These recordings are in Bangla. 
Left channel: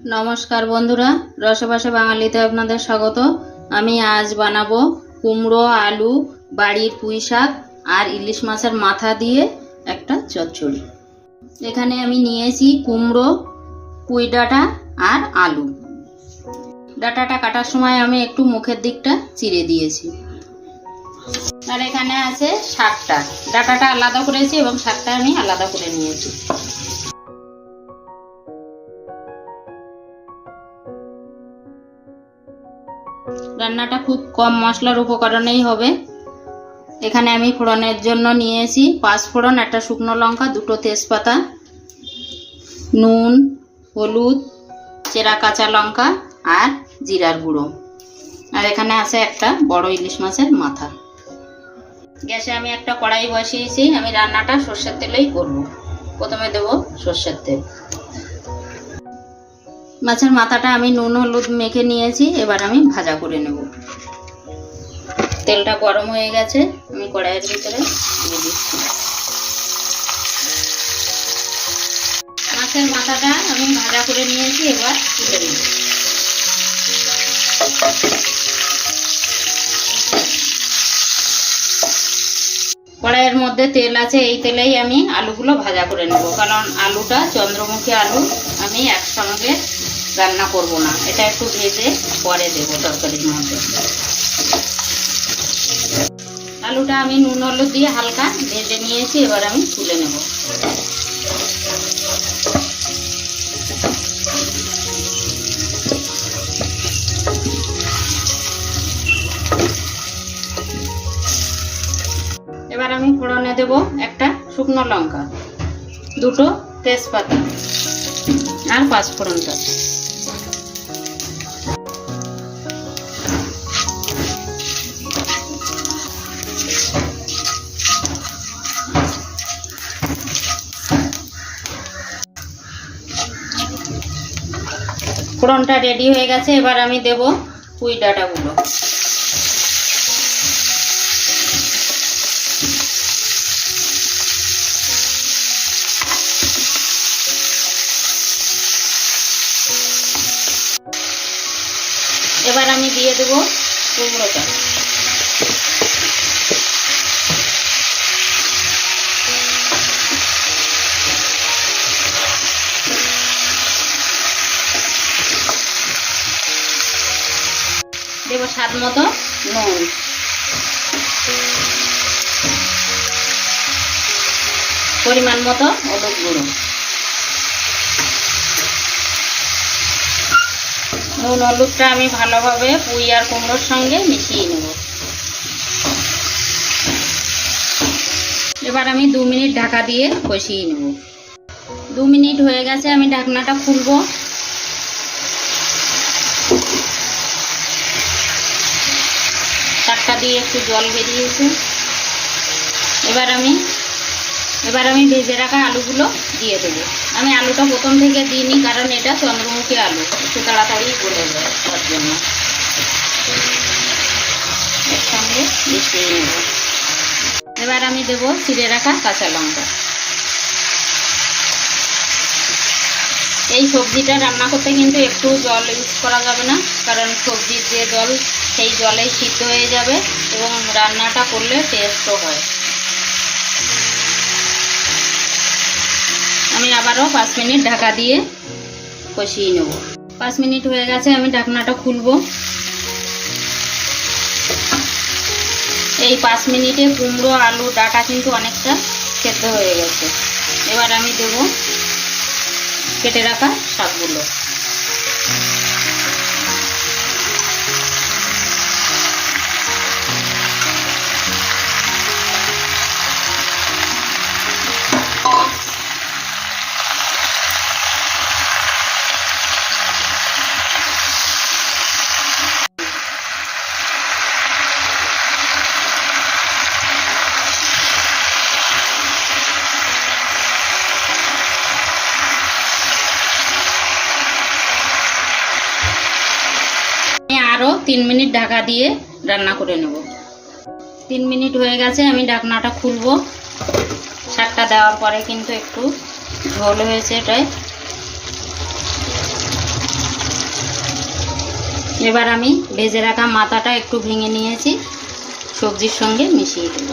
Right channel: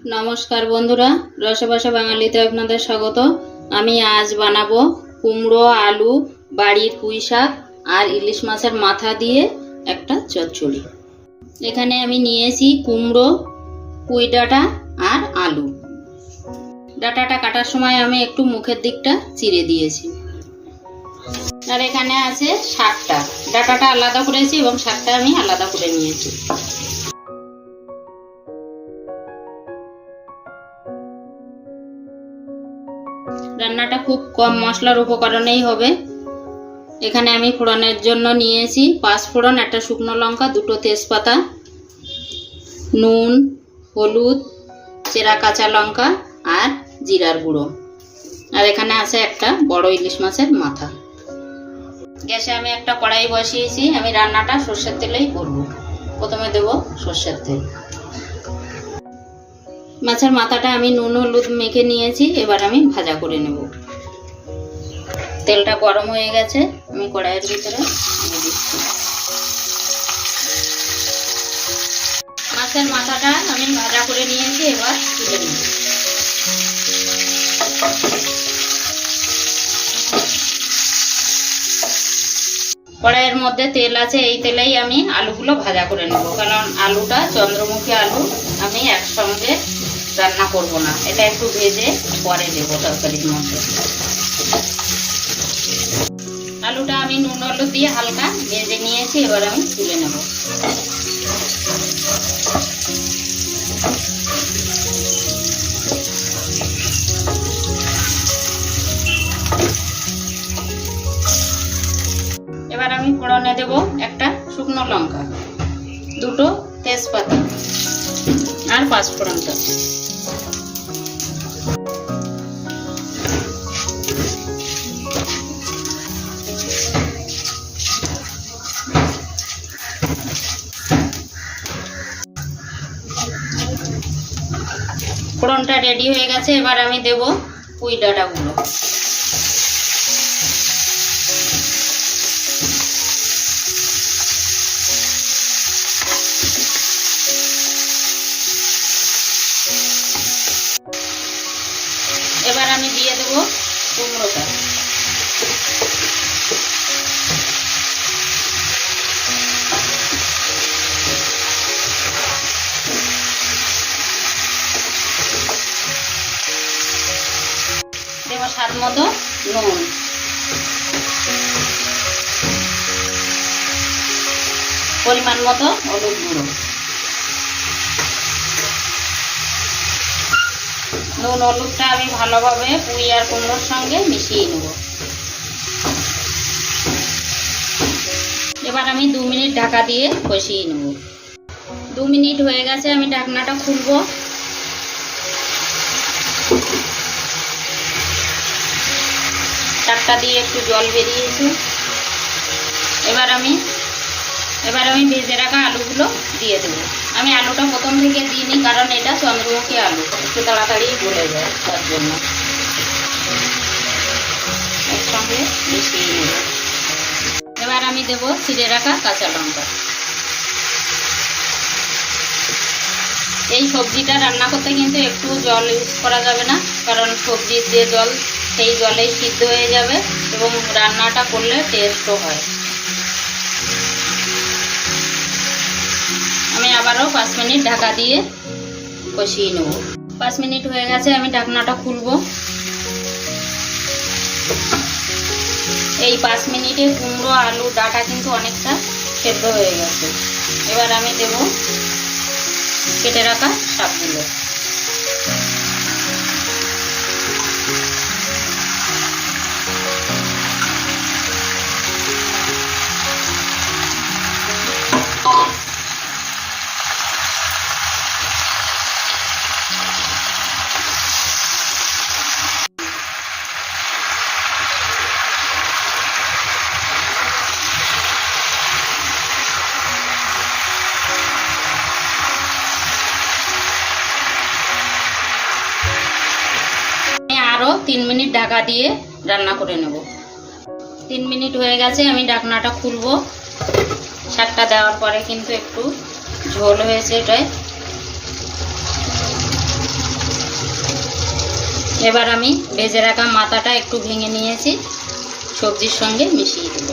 নমস্কার বন্ধুরা, রসবাসা বাঙালিতে আপনাদের স্বাগত। আমি আজ বানাবো কুমড়ো, আলু, বাড়ির পুঁই শাক আর ইলিশ মাছের মাথা দিয়ে একটা চচ্চড়ি। এখানে আমি নিয়েছি কুমড়ো, পুঁই ডাঁটা আর আলু। ডাঁটাটা কাটার সময় আমি একটু মুখের দিকটা চিড়ে দিয়েছি। আর এখানে আছে শাকটা, ডাঁটাটা আলাদা করেছি এবং শাকটা আমি আলাদা করে নিয়েছি। রান্নাটা খুব কম মশলার উপকরণেই হবে। এখানে আমি ফোড়নের জন্য নিয়েছি 5 ফোড়ন, একটা শুকনো লঙ্কা, 2টো তেজপাতা, নুন, হলুদ, চেরা কাঁচা লঙ্কা আর জিরার গুঁড়ো। আর এখানে আছে একটা বড় ইলিশ মাছের মাথা। গ্যাসে আমি একটা কড়াই বসিয়েছি। আমি রান্নাটা সর্ষের তেলেই করব। প্রথমে দেব সর্ষের তেল। মাছের মাথাটা আমি নুন হলুদ মেখে নিয়েছি, এবার আমি ভাজা করে নেব। তেলটা গরম হয়ে গেছে, আমি কড়াইয়ের ভিতরে দিয়ে দিচ্ছি। মাছের মাথাটা আমি ভাজা করে নিয়েছি, এবার তুলে নেব। কড়াইয়ের মধ্যে তেল আছে, এই তেলেই আমি আলুগুলো ভাজা করে নেব, কারণ আলুটা চন্দ্রমুখী আলু আমি একসঙ্গে রান্না করব না, এটা একটু ভেজে পরে দেবো তরকারির মধ্যে। আলুটা আমি নুন হলুদ দিয়ে হালকা ভেজে নিয়েছি, এবার আমি তুলে নেব। এবার আমি ফোড়নে দেব একটা শুকনো লঙ্কা, 2টো তেজপাতা আর 5 ফোড়নটা। ফোড়নটা রেডি হয়ে গেছে, এবার আমি দেব পুঁই ডাঁটাগুলো। এবার আমি দিয়ে দেব কুমড়োটা। দেব স্বাদ মতো নুন, পরিমাণ মতো হলুদ গুঁড়ো। নুন হলুদটা আমি ভালোভাবে পুঁই আর কুমড়োর সঙ্গে মিশিয়ে নেব। এবার আমি 2 মিনিট ঢাকা দিয়ে কষিয়ে নেব। 2 মিনিট হয়ে গেছে, আমি ঢাকনাটা খুলবো। শাকটা দিয়ে একটু জল বেরিয়েছে। এবার আমি ভেজে রাখা আলুগুলো দিয়ে দেবো। আমি আলুটা প্রথম থেকে দিইনি, কারণ এটা চন্দ্রমুখী আলু, একটু তাড়াতাড়ি গলে যায়, তার জন্য একসঙ্গে মিশিয়ে নেব। এবার আমি দেবো চিড়ে রাখা কাঁচা লঙ্কা। এই সবজিটা রান্না করতে কিন্তু একটু জল ইউজ করা যাবে না, কারণ সবজির যে জল সেই জলেই সিদ্ধ হয়ে যাবে এবং রান্নাটা করলে টেস্টও হয়। আমি আবারও 5 মিনিট ঢাকা দিয়ে কষিয়ে নেব। 5 মিনিট হয়ে গেছে, আমি ঢাকনাটা খুলবো। এই 5 মিনিটে কুমড়ো, আলু, ডাঁটা কিন্তু অনেকটা সেদ্ধ হয়ে গেছে। এবার আমি দেব কেটে রাখা শাকগুলো। আরও 3 মিনিট ঢাকা দিয়ে রান্না করে নেব। 3 মিনিট হয়ে গেছে, আমি ঢাকনাটা খুলবো। শাকটা দেওয়ার পরে কিন্তু একটু ঝোল হয়েছে এটাই। এবার আমি ভেজে রাখা মাথাটা একটু ভেঙে নিয়েছি, সবজির সঙ্গে মিশিয়ে দেব।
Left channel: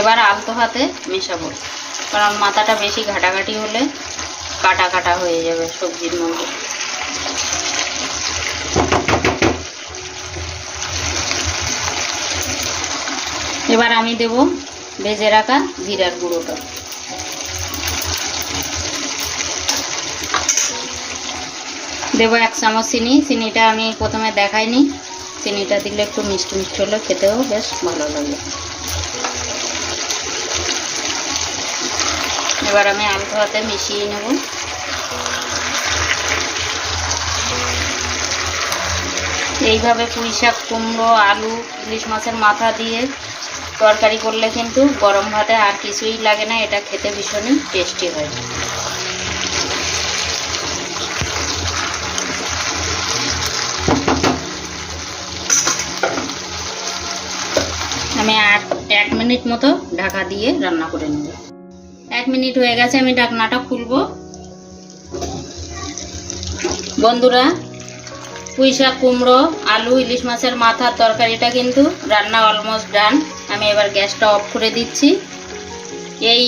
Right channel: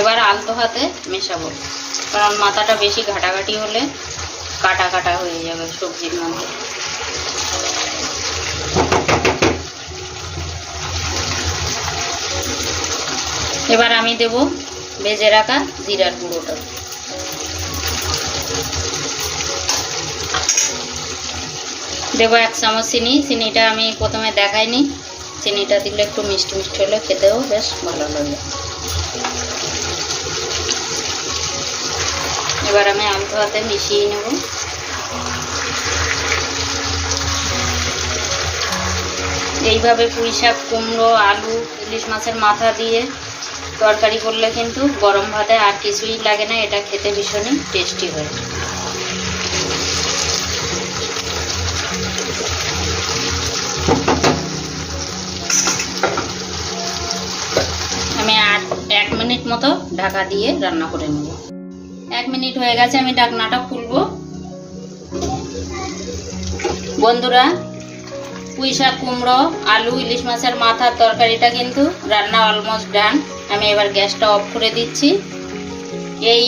এবার আলতো হাতে মেশাবো, কারণ মাথাটা বেশি ঘাটাঘাটি হলে কাটা কাটা হয়ে যাবে সবজির মধ্যে। এবার আমি দেব ভেজে রাখা জিরার গুঁড়োটা। দেব 1 চামচ চিনি। চিনিটা আমি প্রথমে দেখাইনি, চিনিটা দিলে একটু মিষ্টি মিষ্টি হলে খেতেও বেশ ভালো লাগে। এবার আমি আলতো হাতে মিশিয়ে নেব। এইভাবে পুঁই শাক, কুমড়ো, আলু, ইলিশ মাছের মাথা দিয়ে তরকারি করলে কিন্তু গরম ভাতে আর কিছুই লাগে না, এটা খেতে ভীষণই টেস্টি হয়। আমি 1 মিনিট মতো ঢাকা দিয়ে রান্না করে নেব। 1 মিনিট হয়ে গেছে, আমি ঢাকনাটা খুলবো। বন্ধুরা, পুঁই শাক, কুমড়ো, আলু, ইলিশ মাছের মাথার তরকারিটা কিন্তু রান্না অলমোস্ট ডান। আমি এবার গ্যাসটা অফ করে দিচ্ছি। এই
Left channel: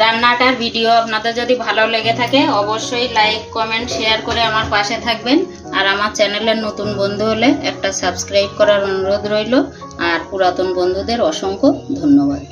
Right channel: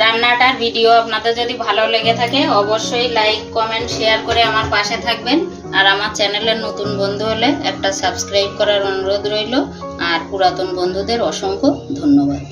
রান্নাটার ভিডিও আপনাদের যদি ভালো লেগে থাকে অবশ্যই লাইক, কমেন্ট, শেয়ার করে আমার পাশে থাকবেন। আর আমার চ্যানেলের নতুন বন্ধু হলে একটা সাবস্ক্রাইব করার অনুরোধ রইল। আর পুরাতন বন্ধুদের অসংখ্য ধন্যবাদ।